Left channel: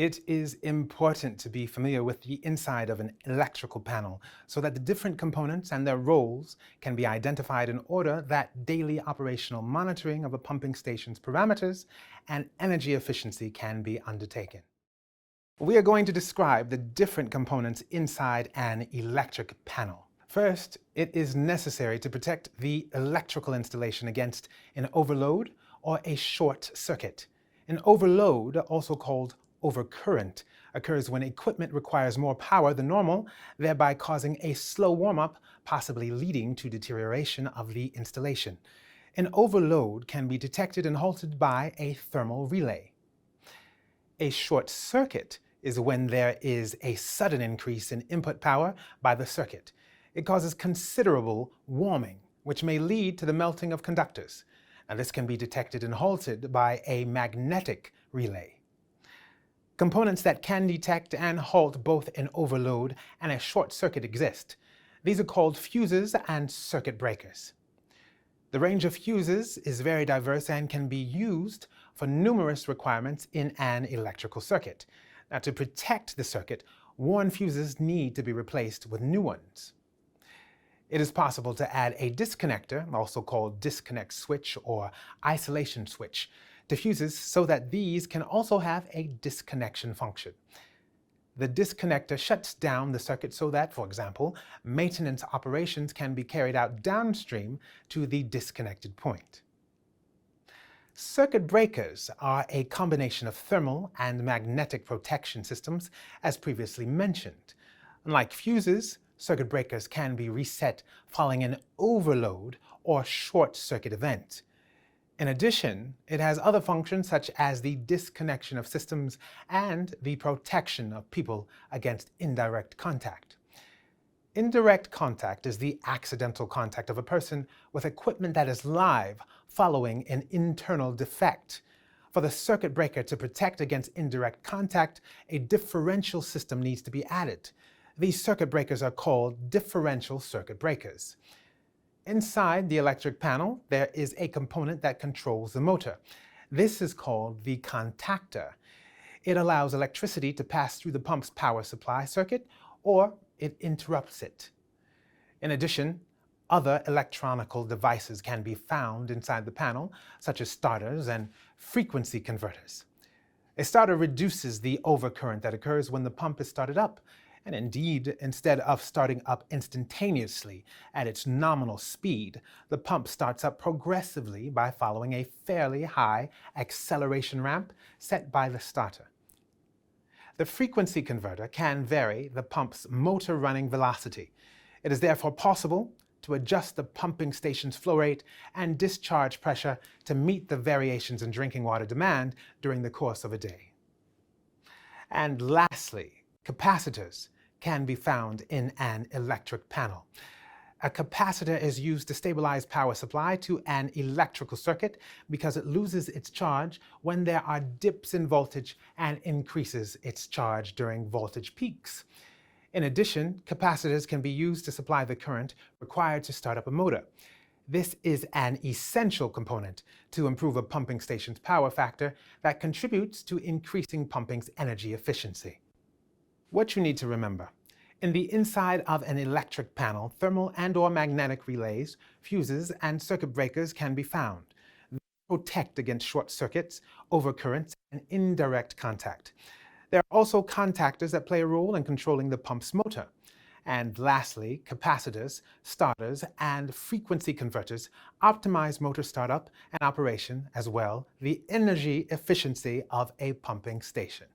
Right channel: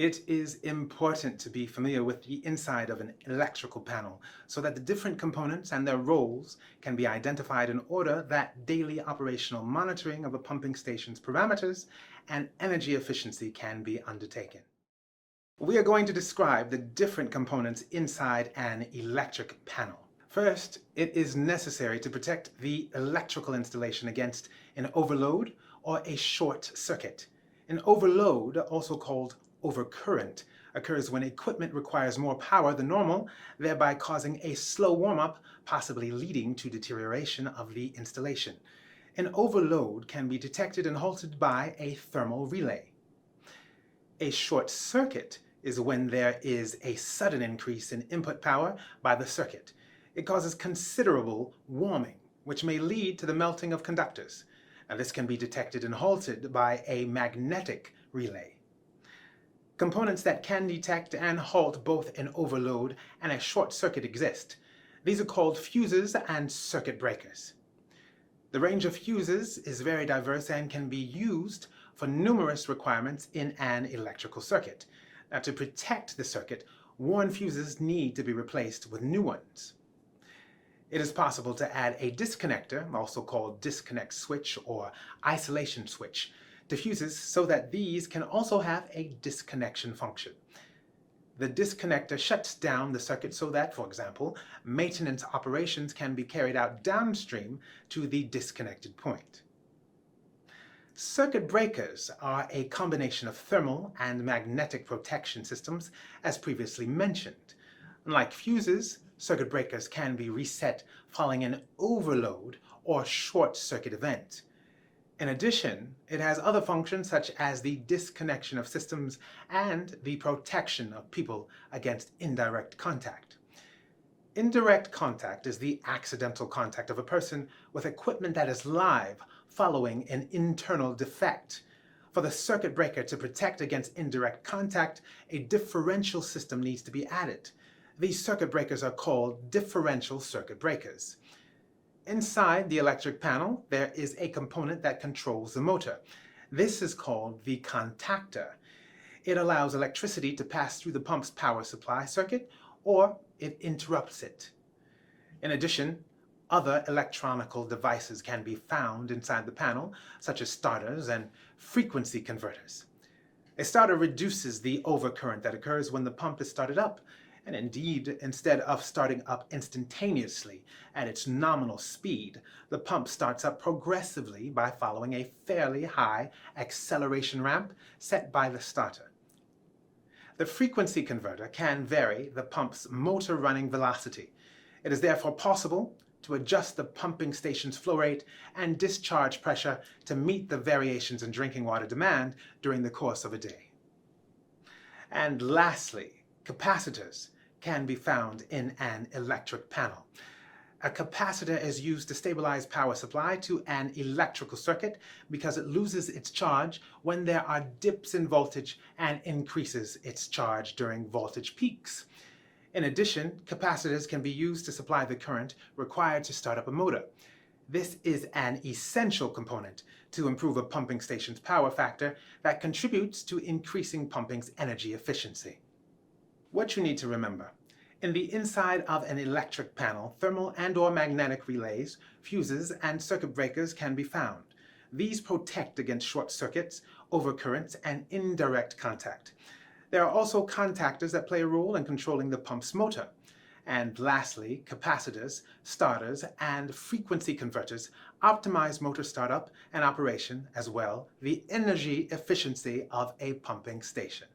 It is important to be familiar with the inside of an electrical panel so that the different components and their roles can be identified in order that daily operational monitoring of a pumping station's parameters and energy efficiency can be undertaken. We are going to describe the different components inside an electric panel. First, it is necessary to protect the electrical installation against an overload or a short circuit. An overload, also called overcurrent, occurs when equipment requires more power than normal, thereby causing a slow warm-up, possibly leading to deterioration of the installation. An overload can be detected and halted by a thermal relay. A short circuit is when there is a sudden increase in input power by the circuit. It causes considerable warming, which may lead to the melting of conductors. Now, this can be detected and halted by a magnetic relay. Components that can detect and halt both an overload and a short circuit exist. These are called fuses and circuit breakers. The range of fuses is very diverse and can be used for numerous requirements in an electrical circuit. Now, to protect the circuit, worn fuses need to be replaced with new ones. It is possible to add a disconnector, also called disconnect switch or isolation switch, to fuses so that these can also have a disconnection function. The disconnector shuts down the circuit so that, for example, maintenance operations can be carried out downstream to the disconnected point. Circuit breakers are a combination of thermal and magnetic protection systems, as previously mentioned. Unlike fuses, circuit breakers can be reset following an overload or short circuit event. In addition, it has other functions such as the disconnection of systems and the protection of people against indirect contact. Indirect contact is the accidental contact of a person with equipment that is live following an internal defect. For the circuit breaker to protect against indirect contact, a differential system needs to be added. These circuit breakers are called differential circuit breakers. Inside the electric panel, there is a component that controls the motor. This is called the contactor. It allows electricity to pass through the pump's power supply circuit, or it interrupts it. In addition, other electronical devices can be found inside the panel, such as starters and frequency converters. A starter reduces the overcurrent that occurs when the pump is started up. And indeed, instead of starting up instantaneously at its nominal speed, the pump starts up progressively by following a fairly high acceleration ramp set by the starter. The frequency converter can vary the pump's motor running velocity. It is therefore possible to adjust the pumping station's flow rate and discharge pressure to meet the variations in drinking water demand during the course of a day. And lastly, capacitors can be found in an electric panel. A capacitor is used to stabilize power supply to an electrical circuit because it loses its charge when there are dips in voltage and increases its charge during voltage peaks. In addition, capacitors can be used to supply the current required to start up a motor. This is an essential component to improve a pumping station's power factor that contributes to increasing pumping's energy efficiency. What you need to remember: in the inside of an electric panel, thermal and/or magnetic relays, fuses, and circuit breakers can be found. These protect against short circuits, overcurrents, and indirect contact. There are also contactors that play a role in controlling the pump's motor. And lastly, capacitors, starters, and frequency converters optimize motor startup and operation, as well the energy efficiency of a pumping station.